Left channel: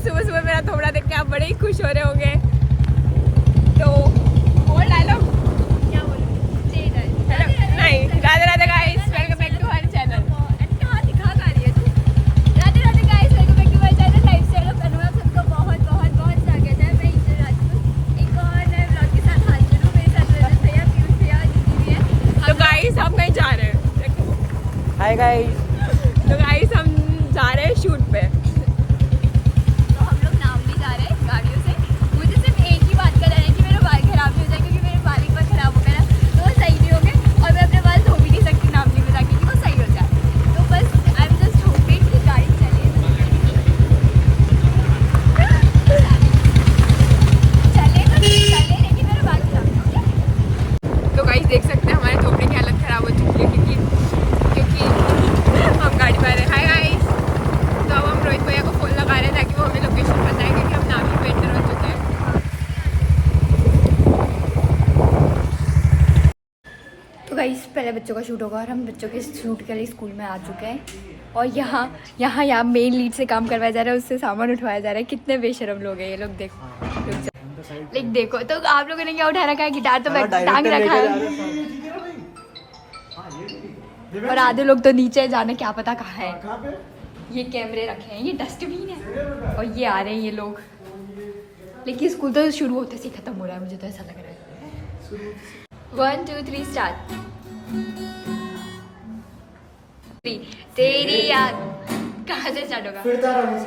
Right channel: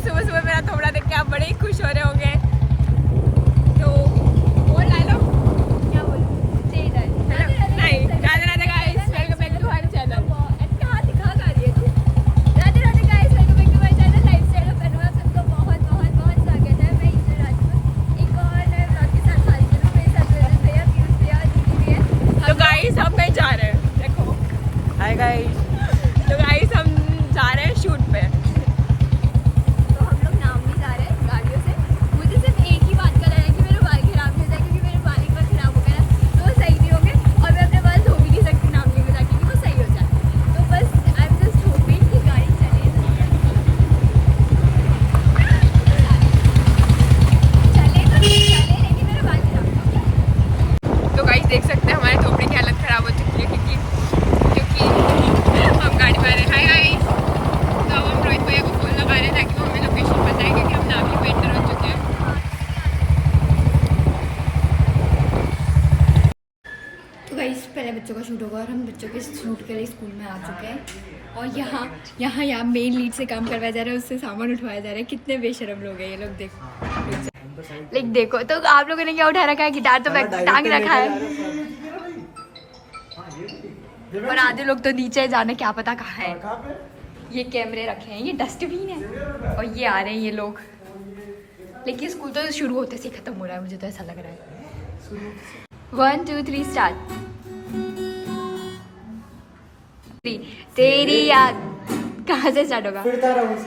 Guys सुबह सुबह मेरा थोड़ा देख के आप बड़े ही खुश हो रहे होंगे। तो बोल डायलॉग क्या बोलूं? नहीं, Radhe Radhe guys, welcome back to our channel. कहाँ दिखा कर रही है तू? Radhe Radhe guys, welcome back to my channel lifestyle of Anurag. सबको बहुत बहुत बहुत स्वागत है। मैं इंजर राजू एक और नए ब्लॉग के साथ हाजिर हूँ। मेरे साथ रजत भैया, पीयूष भैया, यूपी है। तो गाइस हम कहीं जा रहे हैं, देखो। Hi guys. तो गाइस हम जा रहे हैं शूट पे। तो हम लोग नाम भी जा रहे हैं गाड़ियों से। मुझे सिर्फ एक ही बात का डर है कि मेरे बाल खराब हो जाए, क्योंकि मेरे बाल एक बार खराब हो गए ना तो वो सही नहीं होंगे और मैं अपने बाल धो भी नहीं सकती नाम नहीं बता के कि वो सही हो जाए। तो बस आई एम जस्ट होपिंग कि गाड़ी चले तो चले, लेकिन मेरे बाल खराब ना हो जाए। तो गाइस देख सकते हैं हमारे झोपड़ी की हालत खराब हो चुकी है, क्योंकि हम गाड़ी में आ रहे हैं। गाइस तो अब हम रोहित भैया को फोन लगा रहे हैं ताकि वो हमें लोकेशन बताएंगे कि हम नाम पे एंटर हो चुके हैं। तो गाइस पहले बच्चों का शूट होगा और हम बच्चों के शूट के लिए स्कूल में आ चुके हैं। और यहाँ मेन लीड से काम करवाया जा रहा है, उससे सामान उठवाया जा रहा है। कितने बेशरम लोग हैं ये लोग, देखो। लेकिन देखो तो आप लोगों ने क्या उठा रखा है? गिटार तो टांग रखा है। और आधे लोग तो नीचे जाने क्या पता कहाँ है। ये कैमरे रखे हैं, ये डस्टबिन है और ये आ रहे हैं ये लोग। लेकिन स्कूल तो शुरू होते से खत्म हो रहा है, मुझे तो ऐसा लग रहा है। 1 2 3 स्टार्ट। तेरी याद कहाँ से स्टार्ट होगा?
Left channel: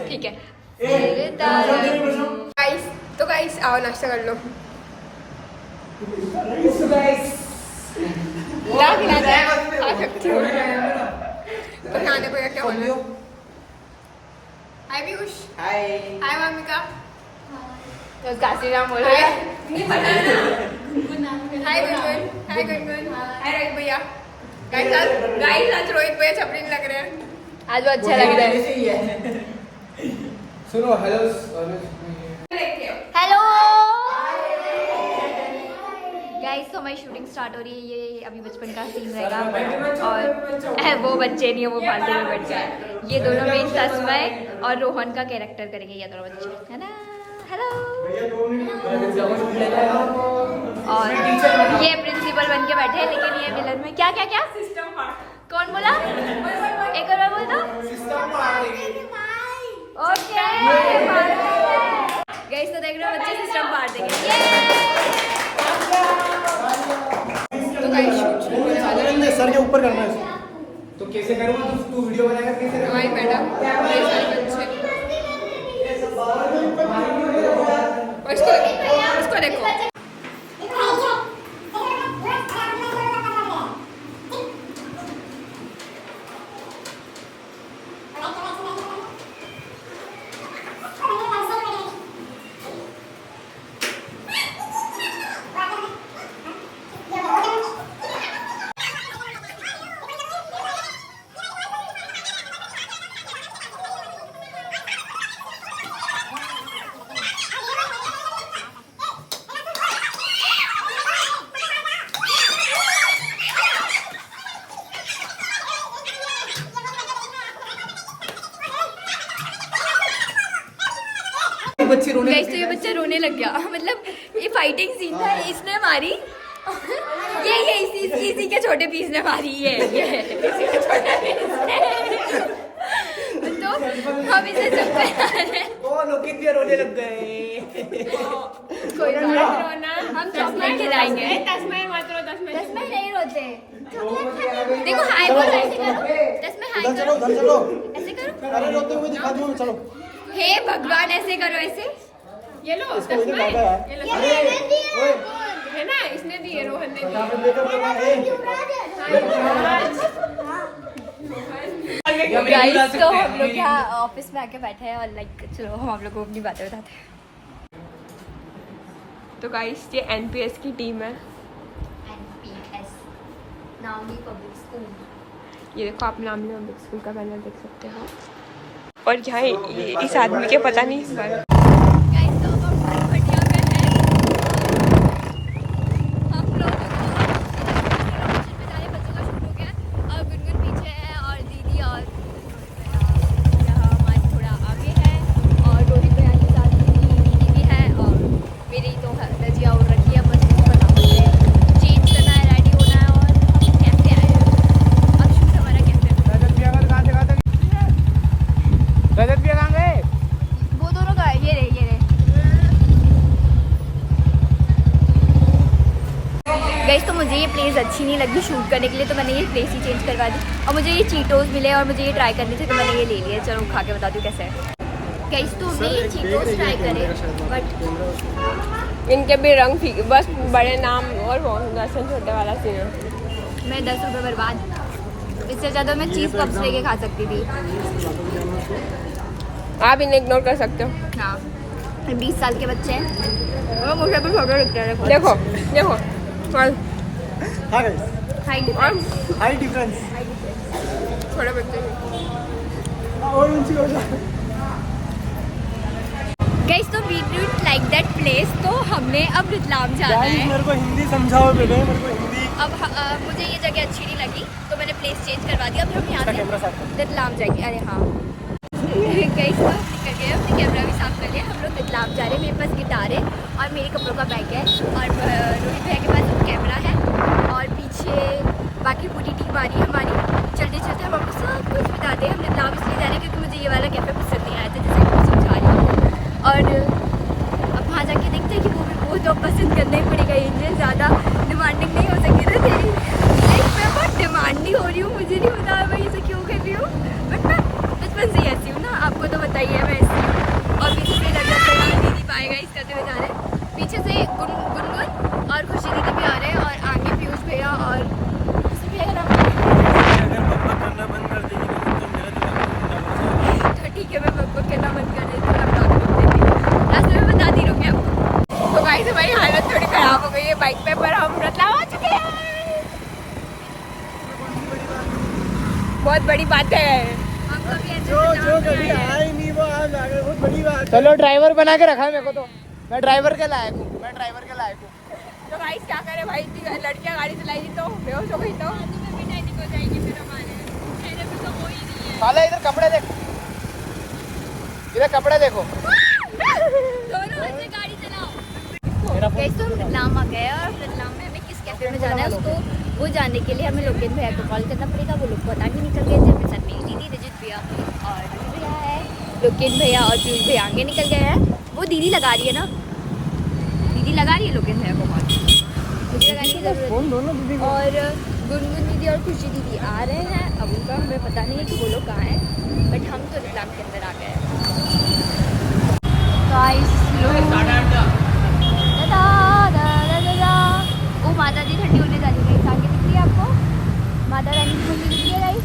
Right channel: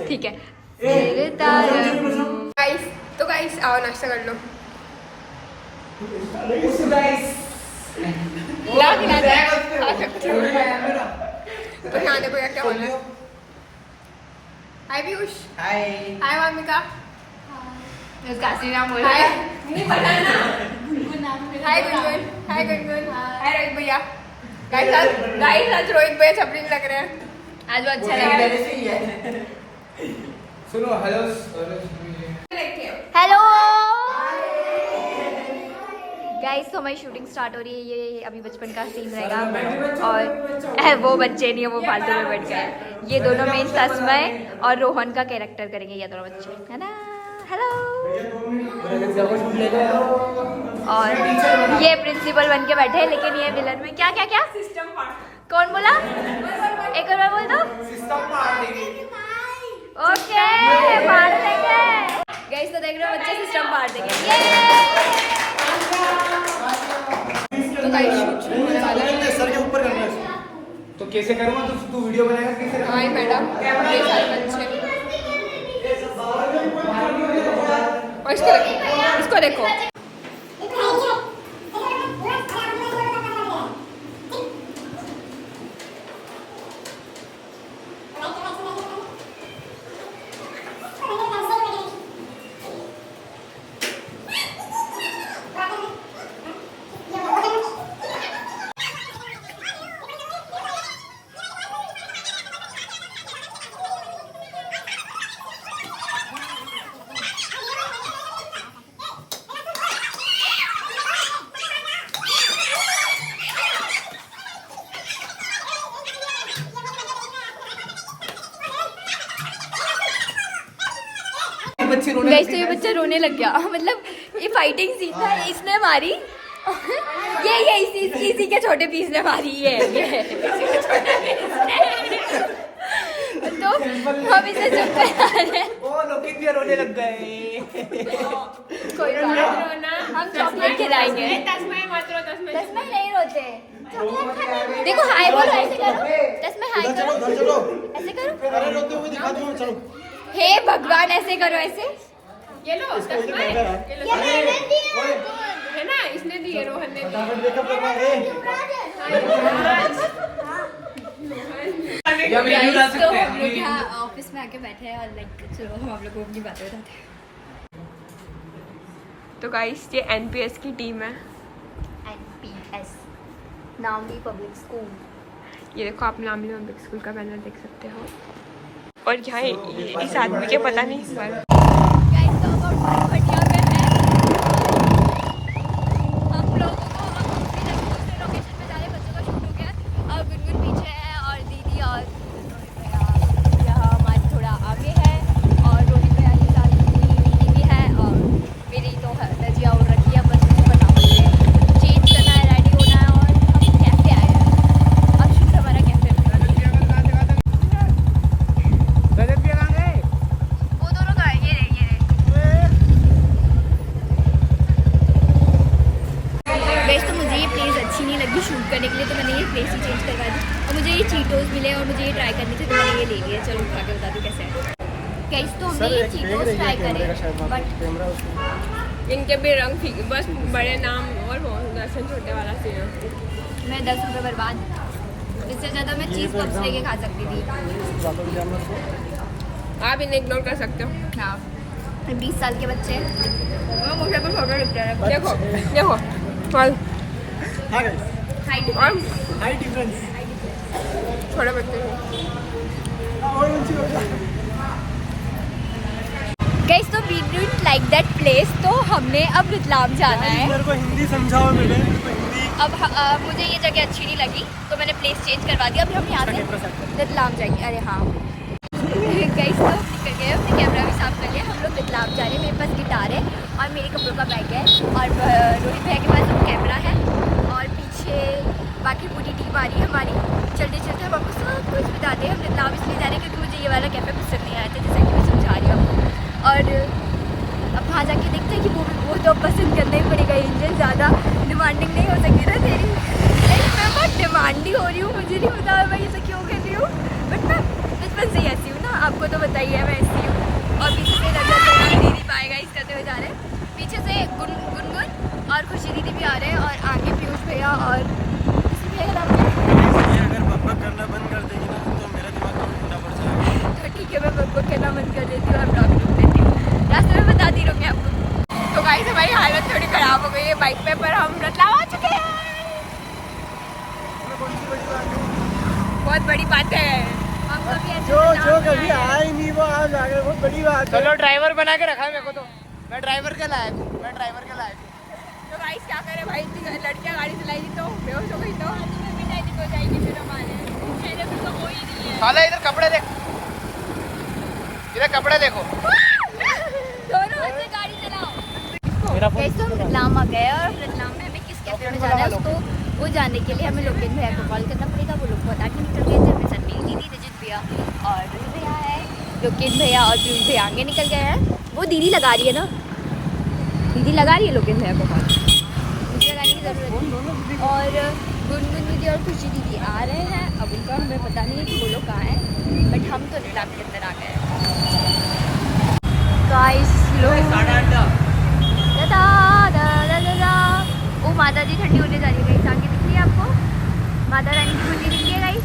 ठीक है। गाइस तो गाइस आओ नाश्ता कर लो। ला खिला दे, खा सकती हूँ। तो खाने को क्या होना है? हाय पीयूष। हाय। हाय वामिका। बस काशी नाम बोल हाय रहा हाय गुनगुन। हाय गुनगुन। हाय रोहित भैया। गाइस आज रोहित भैया छपरी लग रहे हैं। आज वो अच्छा लग रहा है। सुनो हेलो। हेलो गाइस, तो हमारी शूटिंग स्टार्ट हो रही है। ये अभी बचपन का सीन रहेगा और वो बच्चे नहीं है, वो फालतू में बैठ गए। ये दोनों मेन तस्मय और रोहन का कैरेक्टर करेंगे ये दोनों बच्चे, है ना? हेलो। और ये प्रिंसिपल बन के बैठे हैं, लेकिन ये विलन में क्या क्या क्या कौन बोला? एक और बार बोल दो। ओके मार देंगे गाइस। तो देख रहे हो बच्चे सिस्टम पार देंगे। ये तो गाइस शूट शुरू होने वाला है। सर के ऊपर करना है। तो कैसे करूँगा? तू वीडियो बनाएगा कैसे? हाय मैडम, ये सारे बच्चे और इसको देखो। गाइस तो ये बच्चा रोने लग गया। मतलब ये फाइटिंग सीन था, इसने मारी। ये इसी के छोटे पीस ने मारी। ये तो हम इसे चुप रोने लग गए। कोई बात नहीं, हम चॉकलेट खिलाएंगे। तस्मय नहीं रोते। देखो हाय बोलो, ऐसे करो। हाय चलो करो, चलो। ऐसे करो। अरे रोते हुए दिखा दूँ। चलो। हे भगवान, ऐसे करो, ऐसे। ये लो तस्मय, ये लो है ना, इसने दिए, रोहन ने दिए। गाइस तो हम लोग यहाँ ऑफिस में आके बैठे हैं और लाइक चलो हम आप लोगों को अपनी बातें बताते हैं। तो गाइस ये एनपीएस की टीम है। NPS नामी पब्लिक स्कूल। ये देखो, आप नामी पब्लिक स्कूल का बैनर देख सकते हो। और यहाँ इस आदमी के पता नहीं पर गाइस तो अब हम बढ़िया में हैं। हम लोग लोकेशन पे जा रहे हैं। बच्चों का शूट हो गया और गुनगुन पीछे है और दीदी और रोहित भैया यहाँ हमारे थोड़ा आगे है और रोहित भैया तो मैंने ये प्लेस ही चेंज करवा दी और मुझे ये चीटोस मिले और मुझे ये ट्राई करनी थी तो मैंने ये ले लिया। चलो खा के बता दूँ कैसे है। गाइस तो हमने ये चीटोस ट्राई करे बट इनके भी रंग फीके, बस बड़े नाम और वो दर्शन छोटे वाला सीन है। मैं 10 रुपये बर्बाद, इससे ज़्यादा मैं चीज़ कप्स लेके खा सकती थी। आप इन्हें इग्नोर कर सकते हो। हाँ 20 साल के बच्चे हैं। वो मुझे भी छोटे लगते हैं। देखो देखो और हाँ गाइस, हाई डिफरेंस छोटे बच्चे हैं। और ऊंची हो जाए। गाइस तो we didn't like that place, तो हमने अब रतलाम जाना है। मेरे को हिंदी समझाओ बेटा, मेरे को हिंदी। अब मुझे ये जगह अच्छी नहीं लगी तो मैंने प्लेस चेंज करवा दिया। अभी हम यहाँ से रतलाम जाएंगे। अरे हाँ गाइस तो निकल गए, अपने कैमरा भी साफ कर लिया। हम लोग रतलाम जा रहे हैं। मेरे पास गिटार है और मेरे कपड़ों का बैग है और रोहित भैया के पास कैमरा है और पीछे बाकी पूरी टीम आ रही है हमारी। चलते चलते हम आपको सब कुछ बताते हैं। हम रतलाम इसलिए जा रहे हैं क्योंकि मुझे ये वाला कैफ़े पसंद नहीं आया था, जैसे कि मैं समझा रही हूँ। और अब वहाँ जाके देखते हैं कि वो तो पसंद करना ही पड़ेगा। एंजल ज़्यादा डिमांडिंग नहीं हो सकती ना तेरी लाइफ में। बहुत डिमांडिंग हो रही हूँ, मुझे नहीं पता मैं इसे क्यों कर रही हूँ, बट मैं बचपन से ही ऐसी हूँ ना, आपको तो बताइए मैं ऐसी हूँ। और पीछे से रजत भैया दीदी पाएगा इस करते हुए जा रहे हैं। पीछे से गुनगुन और खुशी दीदी भी आ रहे हैं और आगे पीयूष भैया और किसी भैया का नाम अगर बकबक करना बंद कर देंगे ना तो मेरा दिमाग तो ठीक है, मैं बकबक करना बंद कर देती हूँ। अब ब्लॉग रोक देती हूँ, रास्ते में बताती रहूँगी आपको। तो गाइस हमारी हालत थोड़ी खराब हो गई है बाइक पे, पर हम रतलाम आ चुके हैं। बहुत बड़ी बात है। हम कभी ऐसे जो रतलाम कभी आया ही नहीं वो आज आ गया, बहुत बड़ी बात। चलो ड्राइवर बना के रखा है मेरे को, तो मैं ड्राइवर के लायक हूँ, मैं ड्राइवर के लायक हूँ। तो गाइस क्या करें भाई, लड़कियां गाड़ी चलाएगी तो बेहोश हो गई तो हो जाएगी फिर हमारे चेहरे पे तो हो ही नहीं है। साला इधर कपड़े देखो, इधर कपड़े देखो। दोनों बच्चे गाड़ी चलाओ। गाइस तो हम रतलाम आ गए और रतलाम में हमें किस कैफे में जाना है उसको वो जानने के लिए हमें लोकेन भैया को कॉल करना पड़ेगा। वो लोग पता नहीं निकल गए थे, साथ में दीदी रजत भैया और रोहित भैया है। लोकेन भैया और पीयूष भैया आगे निकल गए हैं। वो दीदी लगा रही है ना, दीदी लगा रही है लोकेन भैया को कॉल, मुझे लगाने की ज़रूरत नहीं। और गुनगुन दीदी और खुशी दीदी आ रहे हैं। अब उनका हमें पता नहीं है कि वो लोग कहाँ हैं, बट हम तो रतलाम के अंदर आ गए हैं। गाइस ओ माता दी ठंडी होने जा रही है। गाइस आगे दिख रही है आपको माता रानी की मंदिर दिख रही है गाइस।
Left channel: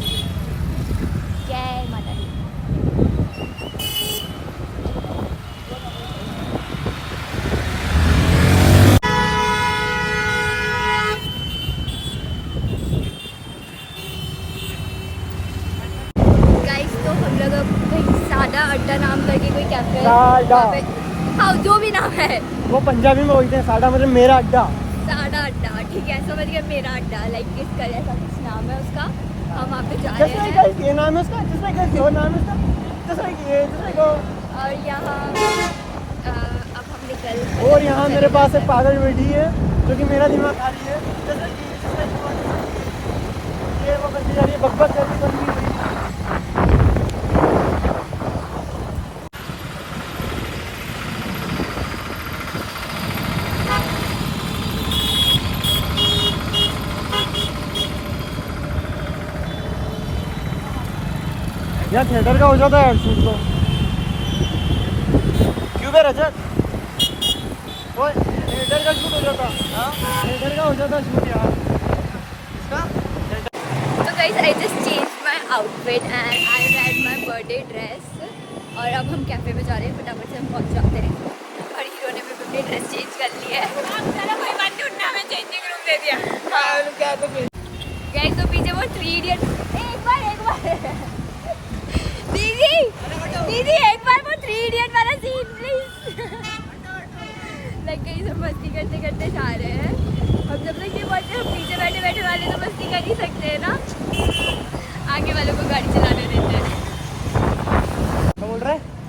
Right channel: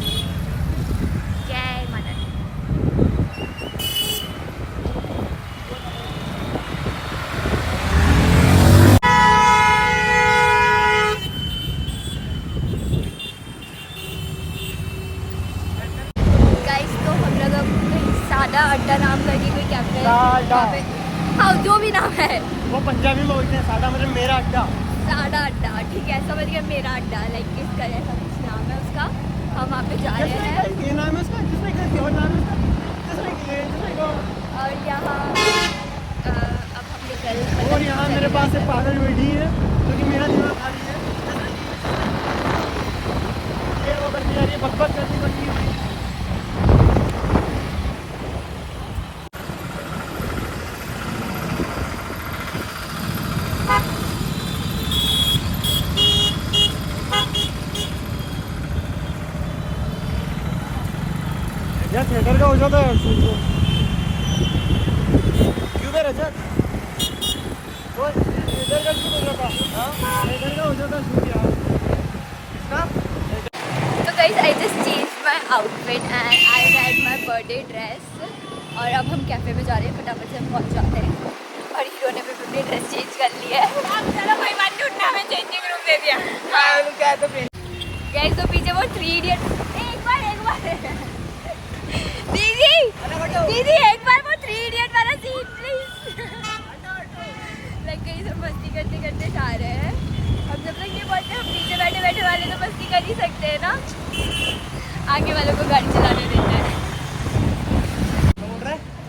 जय माता दी। गाइस तो हम लोग अब कहीं सादा अड्डा नाम करके कोई कैफे है वहाँ पे, हाँ जो भी नाम है वो पंजाबी में बोलते हैं सादा, मतलब मेरा अड्डा। सादा अड्डा, ठीक है समझ गया, मेरा अड्डा लाइक इसका ऐसा कुछ नाम है उसका। हम वहाँ पे जा रहे हैं ये नाम है इसका, जिसने कहा वो नाम है इसका, और यहाँ अब हम निकल और यहाँ मेरे पास एक पागल बेटी है जो कि मेरा दिमाग खाती है। ये वो करती जा रही है, बकबक करती बनती है। यार थिएटर का हो जाता है शूट तो क्यों बे रजत, ओए थिएटर का शूट हो जाता है। हाँ थिएटर का हो जाता है शूट यार। तो guys I just change my outfit and I wear my birthday dress और अब हम कैफे में जा रहे हैं। फटाफट से हम पहुंच जाते हैं और हीरो ने भी अपनी ड्रेस चेंज कर ली है। गाइस तो पीछे वो 3 इडियट, एक बार दीदी दीदी एक बार वो 3 इडियट वाला सीन प्लीज। लाइक कहीं सब मस्ती करते करते जा रहे हैं। हम जब तक ये बोलते हैं हम पीछे बैठे बैठे वाले तो मस्ती कर ही सकते हैं ना, आगे वालों को गाड़ी चलाने देते हैं।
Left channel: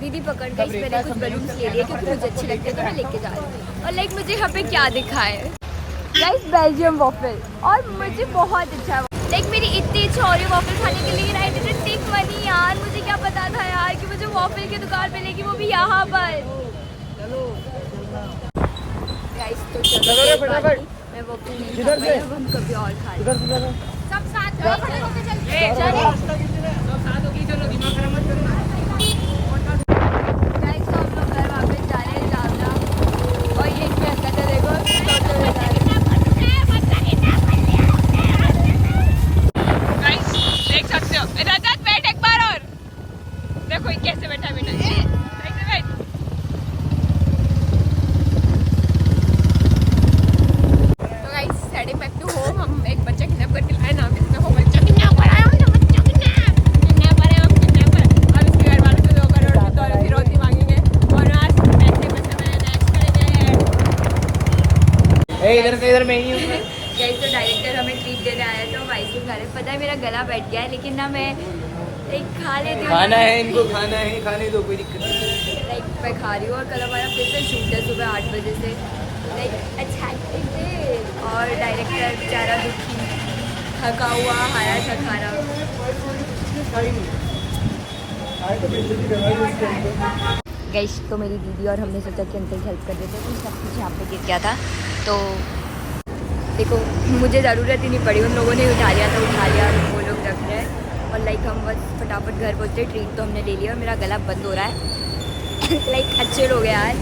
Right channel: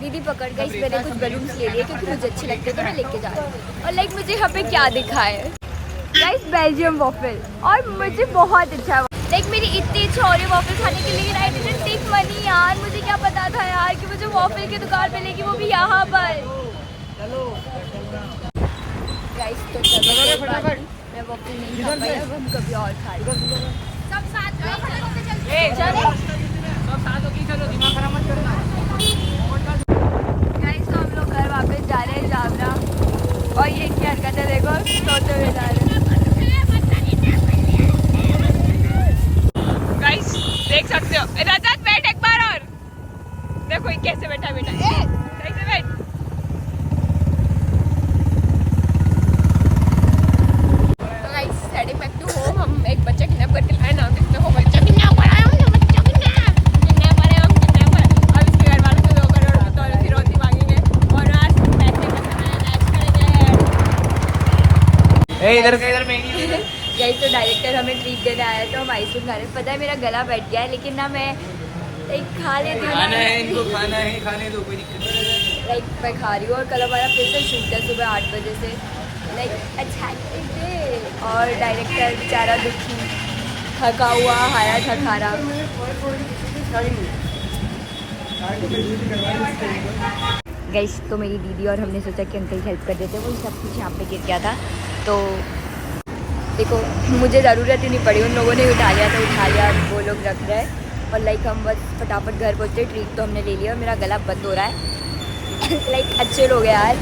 दीदी पकड़ गई, मैंने कुछ बलून्स ले लिए क्योंकि मुझे अच्छे लगते हैं तो मैं लेके जा रही हूँ। और लाइक मुझे यहाँ पे क्या दिखा है गाइस, बेल्जियम वॉफल, और मुझे बहुत अच्छा है। लाइक मेरी इतनी इच्छा हो रही है वॉफल खाने के लिए, आई डिडंट टेक मनी यार, मुझे क्या पता था यार कि मुझे वॉफल की दुकान पे लेगी, वो भी यहाँ पर। गाइस तो चलो कोई बात नहीं, मैं वॉफल नहीं खा पाई, अब हम कभी और खा लेंगे। गाइस तो हम लोग घर वापस जा रहे हैं जावला और ये क्या हरकत है देखो सोते हुए जा रहे हैं। गाइस देख सकते हो रजत बैठ एक बार और देखो ये कैसे बैठा है बेटा सही से बैठ। तो guys heading back to home. हम एक बच्चा किडनैप करके लाए नाम से देखो बच्चा किडनैप करा है हमने बच्चा किडनैपर है हम किडनैपर। अब इसके घर वालों से 2 करोड़ की तो फिरौती मांगेंगे और आज पैसे इधर से इधर में ही गाइस तो डायरेक्टर हमें ट्रीट देने आया तो हम आइसक्रीम खा रहे हैं। पता है मेरा गला बैठ गया है लेकिन ना मैं लाइक खा लेती हूँ खाना है इनको खाना है खाने दो कोई दिक्कत नहीं। लाइक मैं खा रही हूँ और कल हमारा फिर से शूट है सुबह 8 बजे से लाइक अच्छा डे और डायरेक्टर बेचारा दुखी थका हुआ हाया थका रहा। गाइस तो मेरी दीदी और हमने सोचा कि अंकल हेल्प कर देते वो सब कुछ यहाँ पे गिर गया था तो देखो मुझे ज़रूरत ही नहीं पड़ी उन लोगों ने उठा लिया तो उठा लिया वो लोग रख रहे हैं और लाइक हम बस फटाफट घर पहुँचे। ट्रीट तो हमने ले लिया और मेरा गला बंद हो रहा है लाइक अच्छे लोग हैं यार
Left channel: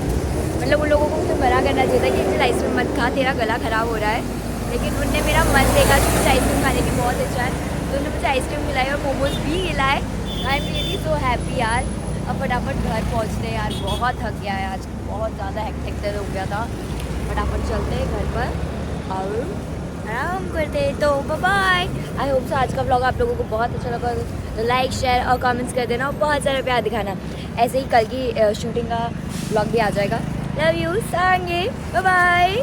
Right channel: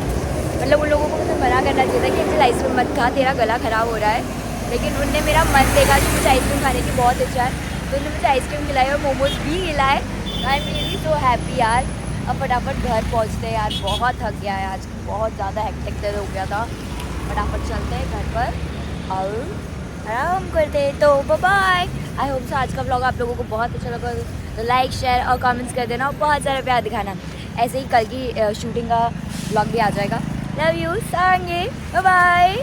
मतलब उन लोगों को मुझे मना करना चाहिए था कि अंकल आइसक्रीम मत खा तेरा गला ख़राब हो रहा है लेकिन उनने मेरा मन देखा कि मुझे आइसक्रीम खाने की बहुत इच्छा है तो उन्होंने मुझे आइसक्रीम खिलाई और मोमोज भी खिलाए। I am really so happy यार। अब फटाफट घर पहुँचते हैं यार बहुत थक गया है आज बहुत ज़्यादा हेक्टिक हो गया था। फटाफट चलते हैं घर पर और आराम करते हैं। तो बाय। आई होप सो आज का व्लॉग आप लोगों को बहुत अच्छा लगा तो लाइक शेयर और कमेंट्स कर देना और बहुत सारा प्यार दिखाना। ऐसे ही कल की शूटिंग का व्लॉग भी आ जाएगा। Love you Sarangi bye bye.